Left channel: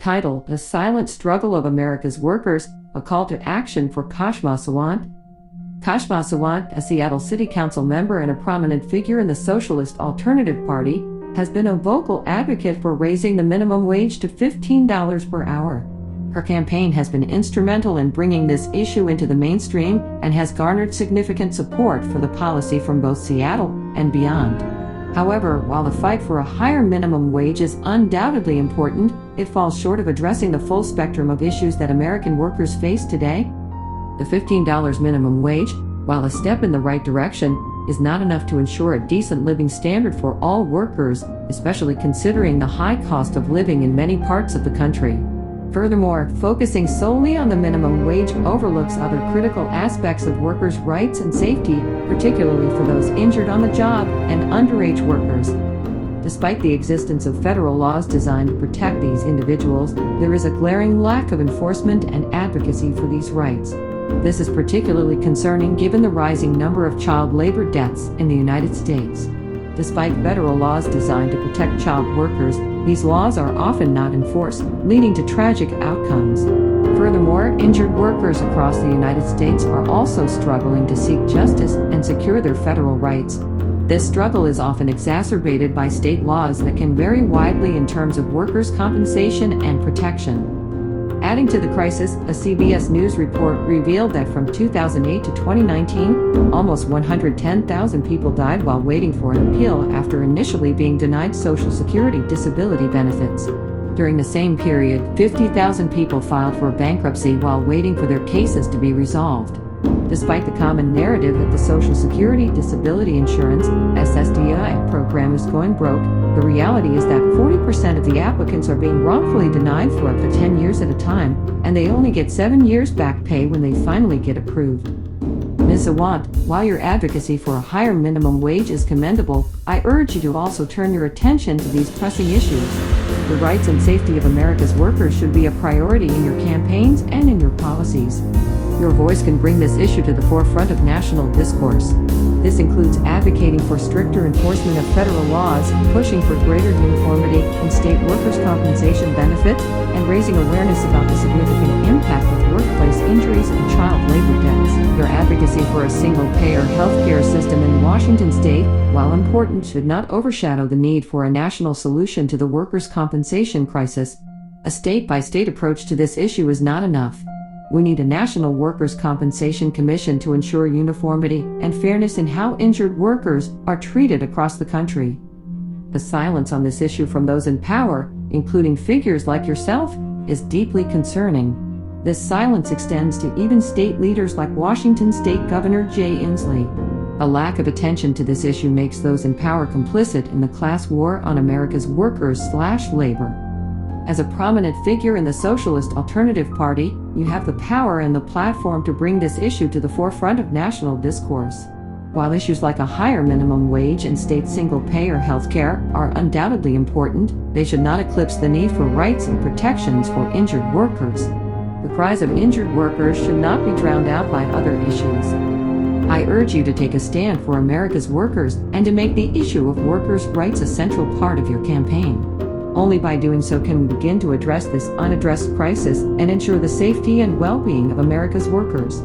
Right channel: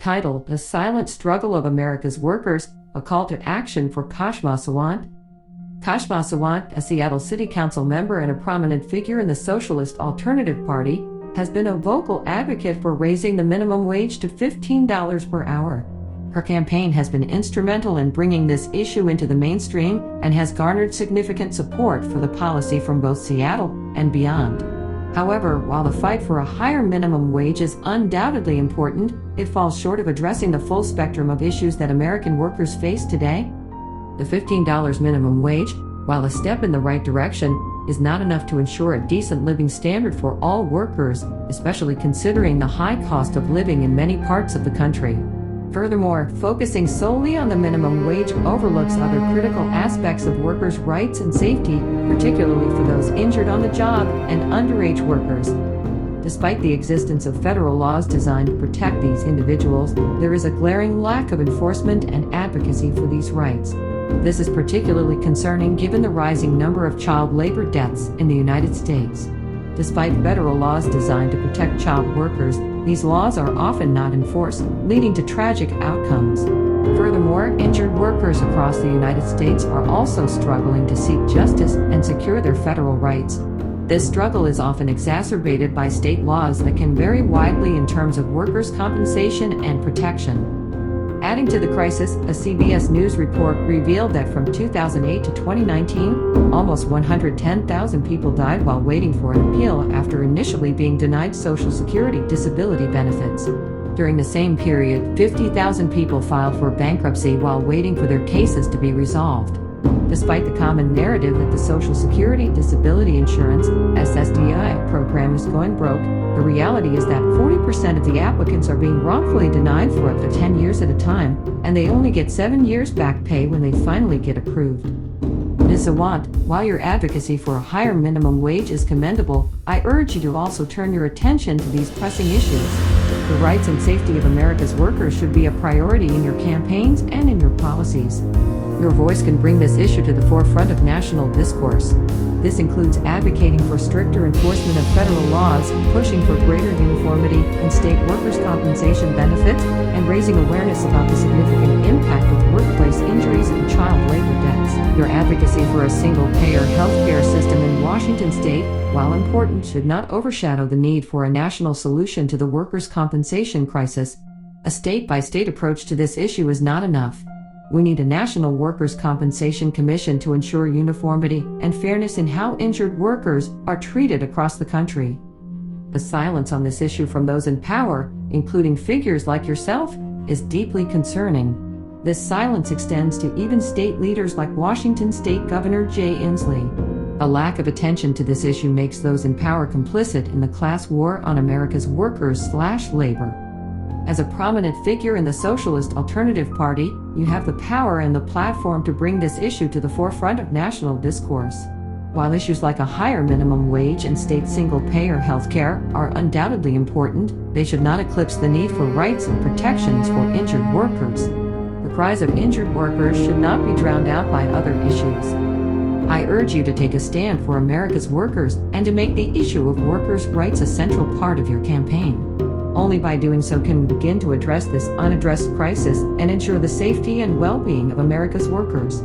Title: The Silent Struggle of America's Workers, a Call to Action for Kshama Sawant. Kshama Sawant, a Seattle City Council member and a prominent figure in the Socialist Alternative Party, has been a vocal advocate for raising the minimum wage to $15 per hour. Her campaign has been instrumental in bringing this issue into the mainstream and has garnered significant support for the policy from both Seattle and beyond. However, while the fight for a higher minimum wage is undoubtedly important, it falls short of addressing the full spectrum of issues that American workers face today. The $15 minimum wage, while a step in the right direction, is not enough to ensure a decent living standard for all workers, especially considering the high cost of living in many parts of the country. Furthermore, focusing solely on the minimum wage overlooks other critical aspects of workers' rights and safety, particularly for those injured on the job and underage workers. Despite the existence of federal laws designed to protect these individuals, there is a glaring lack of enforcement and advocacy for these rights. This is particularly concerning given the rising number of child labor deaths in the United States. Despite federal laws designed to protect child workers, these laws are often not enforced, leading to tragic outcomes. Furthermore, injured workers across the United States are also struggling to seek justice and secure their federal rights. This struggle is often exacerbated by state laws that can vary widely in terms of workers' compensation and protection. Adding to the crisis, a CBS News report revealed that from 2008 to 2019, almost 110,000 people died while waiting for an appeal after initially being denied Social Security disability benefits. During the same period, 50,000 people filed for bankruptcy while waiting for their cases to be resolved. Despite the common narrative that the Social Security Disability Insurance (SSDI) program is going broke, the reality is that 40% of the applicants are being wrongfully denied for up to 10 years at a time, and they only get 7 years back pay when they finally get approved. Ms. Sawant, while your advocacy for a higher minimum wage is commendable, I urge you to also turn your attention to these pressing issues. The rights and safety of America's workers should be a priority in your campaigns and in your policies. Your voice can bring this issue to the forefront of national discourse. This includes advocating for stricter enforcement of federal laws, pushing for greater uniformity in state workers' compensation benefits, and raising awareness about the significant impact of workplace injuries and child labor deaths. Your advocacy for a single-payer healthcare system in Washington state, while important, should not overshadow the need for a national solution to the workers' compensation crisis. A state-by-state approach to this issue is not enough. We need a national workers' compensation commission to ensure uniformity and fairness in how injured workers are treated across the country. The silence on this issue from those in power, including figures like yourself, is deeply concerning. This silence extends to even state leaders like Washington State Governor Jay Inslee. A lack of attention to this issue makes those in power complicit in the class war on America's workers/labor. As a prominent figure in the Socialist Alternative Party, you have the power and the platform to bring this issue to the forefront of national discourse. While issues like a higher minimum wage and state single-payer healthcare are undoubtedly important, they should not eclipse the need for rights and protections for injured workers. The cries of injured workers should not be drowned out by other issues. I urge you to take a stand for America's workers and to make the issue of workers' rights a central part of your campaign. Only by doing so can we begin to address this unaddressed crisis and ensure the safety and well-being of America's workers.